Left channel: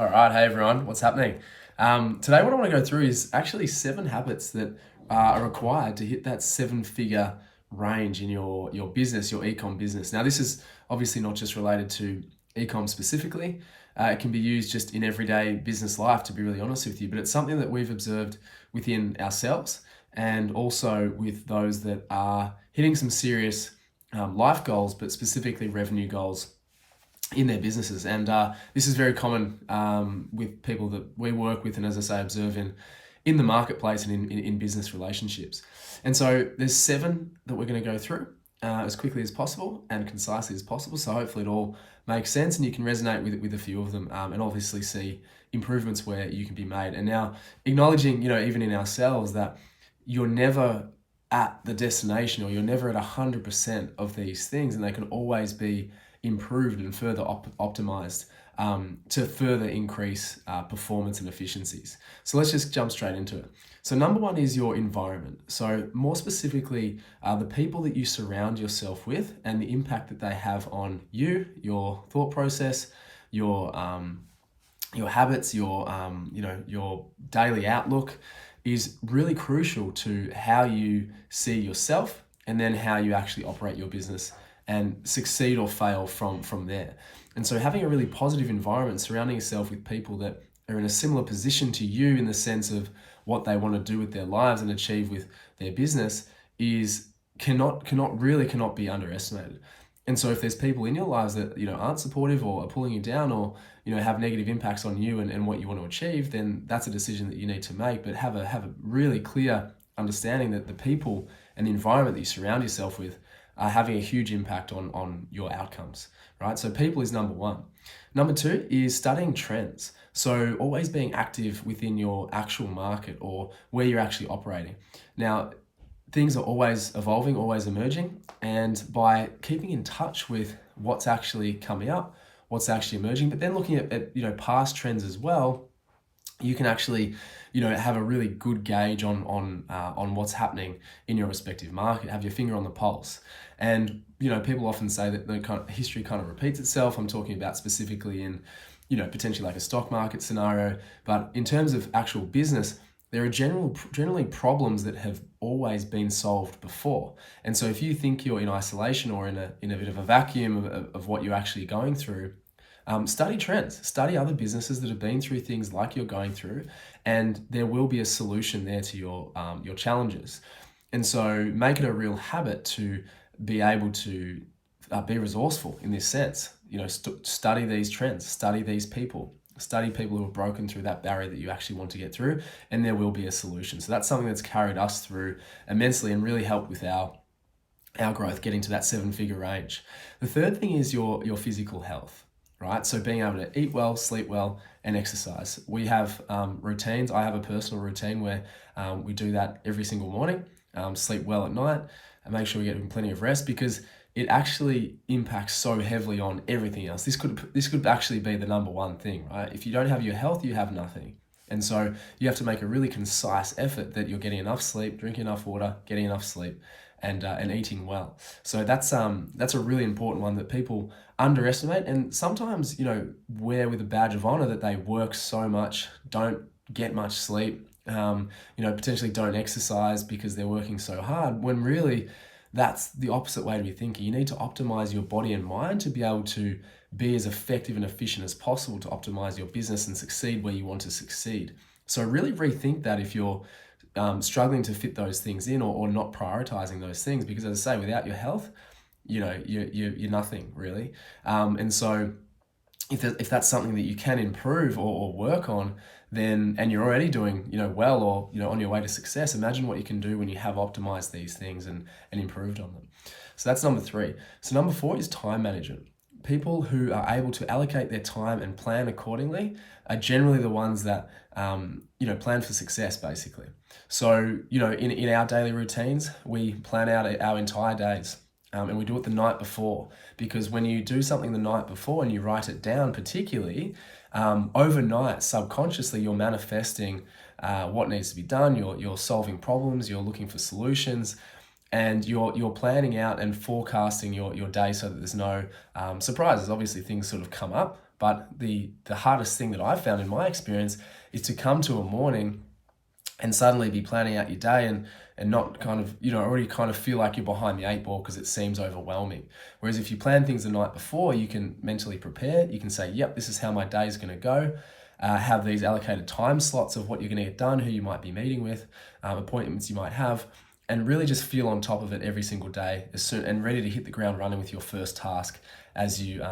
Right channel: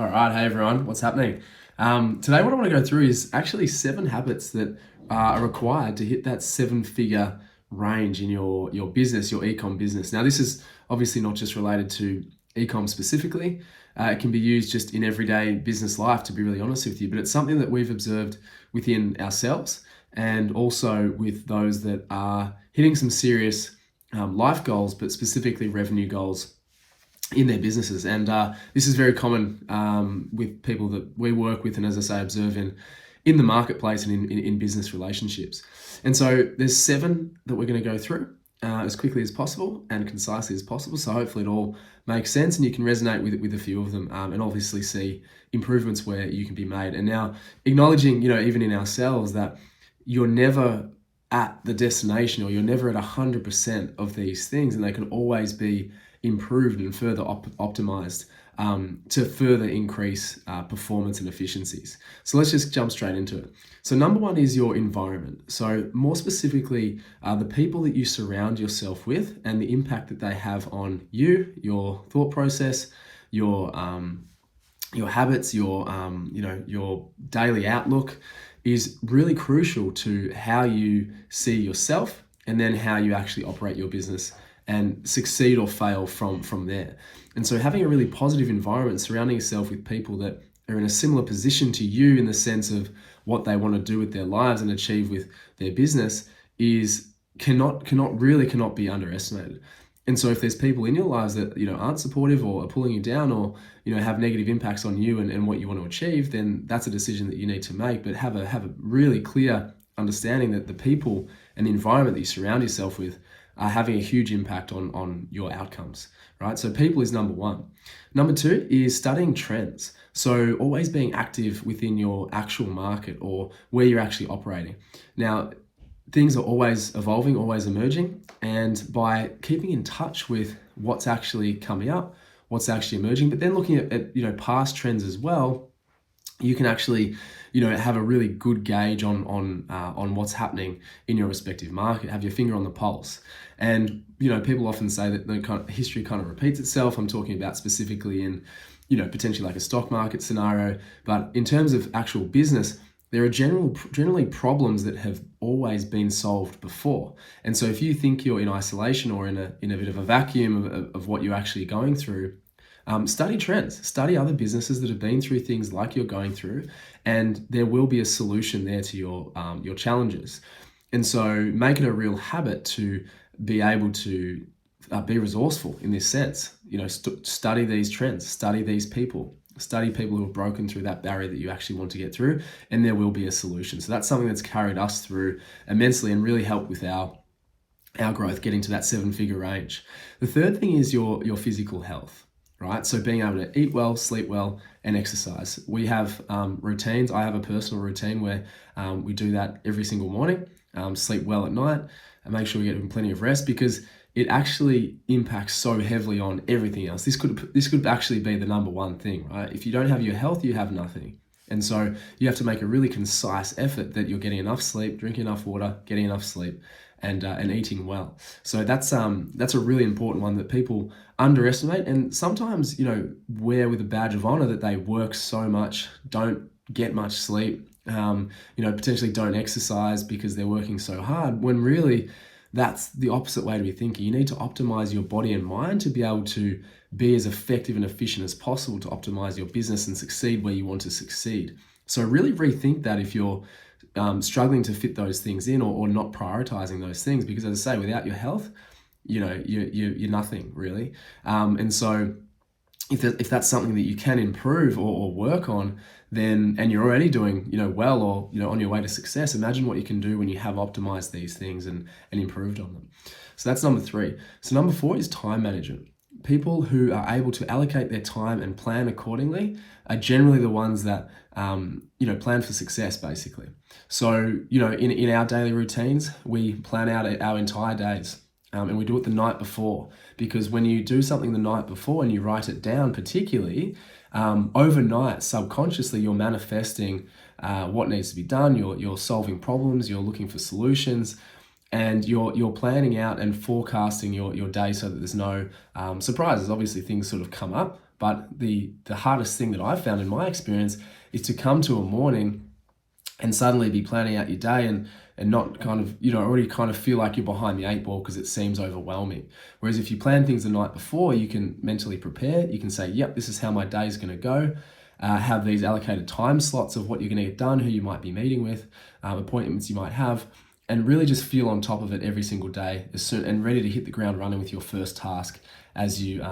All right, hey everyone, what's happening? Today, what I want to go through is actually 7 habits that are required to hit that 7-figure range in your business, your ecom business. Now, this is obviously not just related to ecom specifically. It can be used just in everyday business life, to be really honest with you. But it's something that we've observed within ourselves and also with those that are hitting some serious life goals, but specifically revenue goals in their businesses. And this is very common with people that we work with and, as I say, observe in the marketplace and in business relationships. And so there's 7 that we're going to go through as quickly as possible and concisely as possible. So hopefully it all makes sense and you can resonate with a few of them and obviously see improvements where you can be made. And now acknowledging, even in ourselves, that you're never at the destination or you're never at 100% of these things, and they can always be improved and further optimized to further increase performance and efficiencies. So let's just jump straight into it. So number 1 is your environment. So more specifically, the people that you surround yourself with and the impact that they have on you, your thought process, your habits, your daily outlook is really crucial to how you see yourself and then how you actually operate your business and succeed or fail from there. And so having a really positive environment, surrounding yourself with people that are in a similar position to you in the sense of what they want to do with their lives and achieve with their business cannot be underestimated. And so if there's people in your lives that aren't supportive or are pulling you down or have negative impacts on you and what you want to achieve, then that's a decision that you need to make. But have a really clear understanding that the people and the environment that you surround yourself with are having a huge impact on your outcomes, right? So people is number 1. Number 2 is studying trends. So always being active within your actual market or where you're actually operating. Now, things are always evolving, always emerging, and by keeping in touch with what's actually coming up, what's actually emerging, but then looking at past trends as well, you can actually have a really good gauge on what's happening in your respective market, have your finger on the pulse. And people often say that history kind of repeats itself. I'm talking about specifically in potentially like a stock market scenario, but in terms of actual business, there are generally problems that have always been solved before. And so if you think you're in isolation or in a bit of a vacuum of what you're actually going through, study trends, study other businesses that have been through things like you're going through, and there will be a solution there to your challenges. And so make it a real habit to be able to be resourceful in this sense. Study these trends, study these people, study people who have broken through that barrier that you actually want to get through, and there will be a solution. So that's something that's carried us through immensely and really helped with our growth, getting to that 7-figure range. The third thing is your physical health, right? So being able to eat well, sleep well, and exercise. We have routines. I have a personal routine where we do that every single morning, sleep well at night, and make sure we get plenty of rest, because it actually impacts so heavily on everything else. This could actually be the number 1 thing, right? If you don't have your health, you have nothing. And so you have to make a really concise effort that you're getting enough sleep, drinking enough water, getting enough sleep, and eating well. So that's a really important one that people underestimate, and sometimes wear with a badge of honor that they work so much, don't get much sleep, potentially don't exercise because they're working so hard, when really that's the opposite way to be thinking. You need to optimize your body and mind to be able to be as effective and efficient as possible to optimize your business and succeed where you want to succeed. So really rethink that if you're struggling to fit those things in or not prioritizing those things, because as I say, without your health, you're nothing really. And so if that's something that you can improve or work on, then, and you're already doing well or on your way to success, imagine what you can do when you have optimized these things and improved on them. So that's number 3. So number 4 is time management. People who are able to allocate their time and plan accordingly are generally the ones that plan for success, basically. So in our daily routines, we plan out our entire days, and we do it the night before, because when you do something the night before and you write it down, particularly overnight, subconsciously, you're manifesting what needs to be done. You're solving problems. You're looking for solutions, and you're planning out and forecasting your day so that there's no surprises. Obviously, things sort of come up, But the hardest thing that I've found in my experience is to come to a morning and suddenly be planning out your day and not kind of, already kind of feel like you're behind the eight ball because it seems overwhelming. Whereas if you plan things the night before, you can mentally prepare. You can say, yep, this is how my day is going to go. Have these allocated time slots of what you're going to get done, who you might be meeting with, appointments you might have, and really just feel on top of it every single day and ready to hit the ground running with your first task as you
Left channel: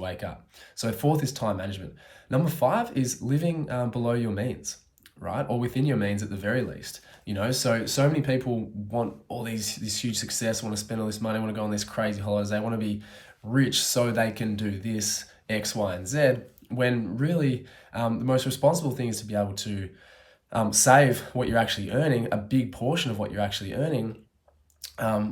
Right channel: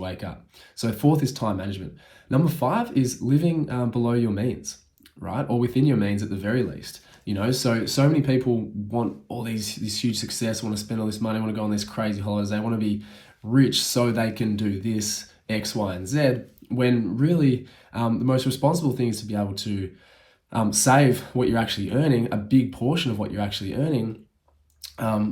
wake up. So 4th is time management. Number 5 is living below your means, right? Or within your means at the very least. So many people want all this huge success, want to spend all this money, want to go on these crazy holidays. They want to be rich so they can do this X, Y, and Z, when really the most responsible thing is to be able to save what you're actually earning, a big portion of what you're actually earning,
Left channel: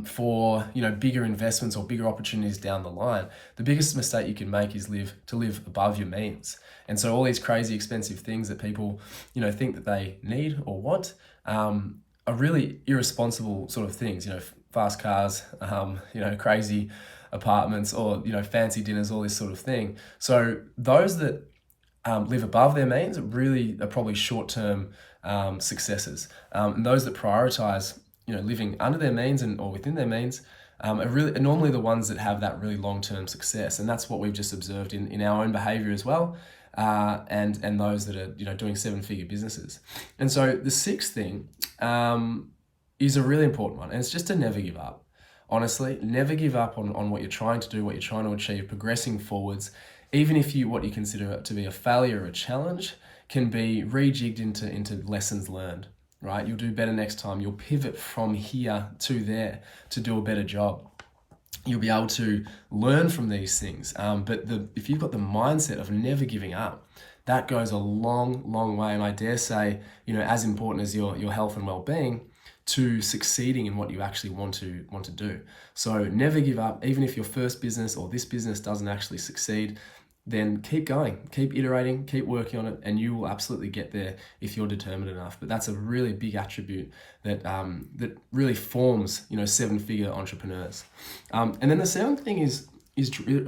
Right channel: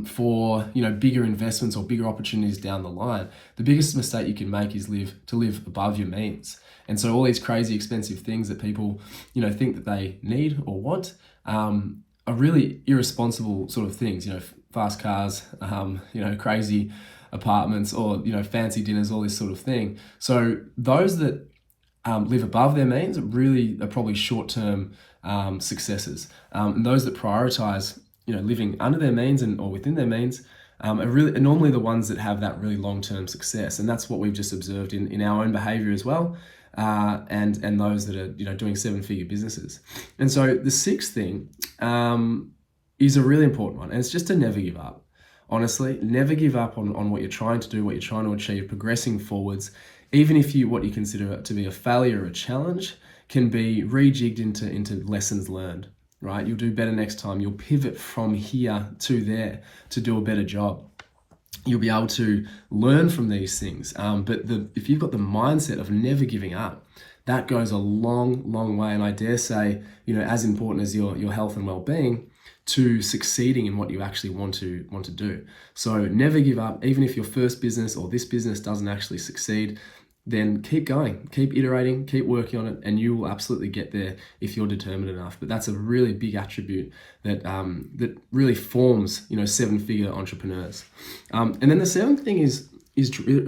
for bigger investments or bigger opportunities down the line. The biggest mistake you can make is to live above your means. And so all these crazy expensive things that people think that they need or want are really irresponsible sort of things. Fast cars, crazy apartments, or fancy dinners, all this sort of thing. So those that live above their means really are probably short-term successes, and those that prioritize living under their means or within their means are normally the ones that have that really long-term success. And that's what we've just observed in our own behavior as well, and those that are doing 7-figure businesses. And so the 6th thing is a really important one, and it's just to never give up. Honestly, never give up on what you're trying to do, what you're trying to achieve, progressing forwards. Even if what you consider to be a failure or a challenge can be rejigged into lessons learned, right? You'll do better next time. You'll pivot from here to there to do a better job. You'll be able to learn from these things. But if you've got the mindset of never giving up, that goes a long, long way. And I dare say, as important as your health and well-being, to succeeding in what you actually want to do. So never give up. Even if your first business or this business doesn't actually succeed, then keep going, keep iterating, keep working on it, and you will absolutely get there if you're determined enough. But that's a really big attribute that really forms 7-figure entrepreneurs. And then the 7th thing is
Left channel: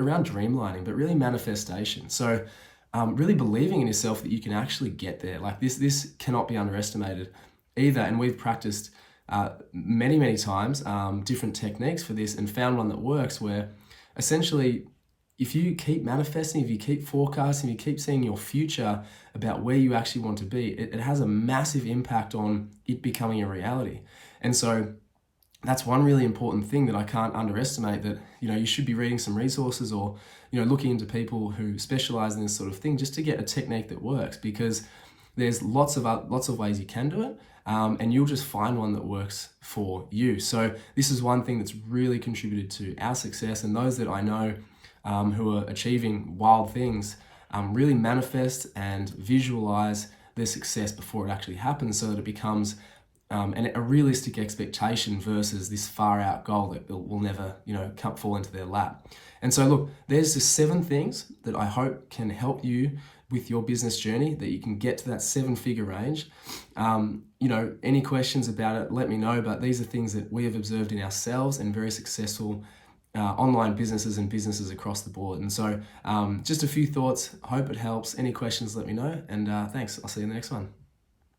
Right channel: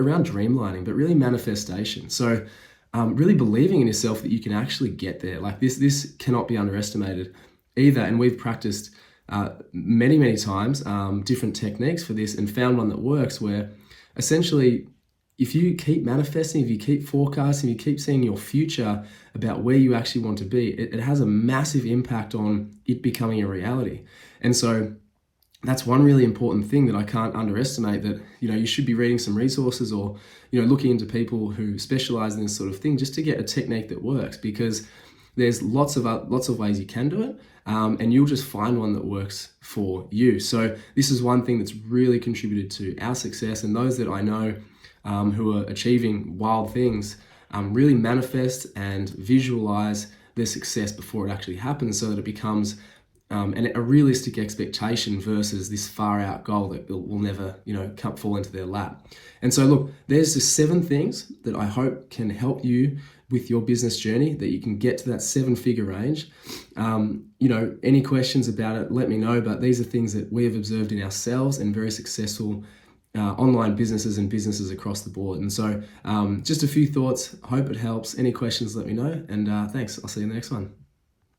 around dreamlining, but really manifestation. So really believing in yourself that you can actually get there. Like this cannot be underestimated either. And we've practiced many times different techniques for this and found one that works, where essentially if you keep manifesting, if you keep forecasting, if you keep seeing your future about where you actually want to be, it has a massive impact on it becoming a reality. And so that's one really important thing that I can't underestimate, that you should be reading some resources or looking into people who specialize in this sort of thing just to get a technique that works, because there's lots of ways you can do it, and you'll just find one that works for you. So this is one thing that's really contributed to our success, and those that I know who are achieving wild things really manifest and visualize their success before it actually happens, so that it becomes a realistic expectation versus this far out goal that will never fall into their lap. And so look, there's the 7 things that I hope can help you with your business journey, that you can get to that 7-figure range. Any questions about it, let me know. But these are things that we have observed in ourselves and very successful online businesses and businesses across the board. And so just a few thoughts. Hope it helps. Any questions, let me know. And thanks. I'll see you in the next one.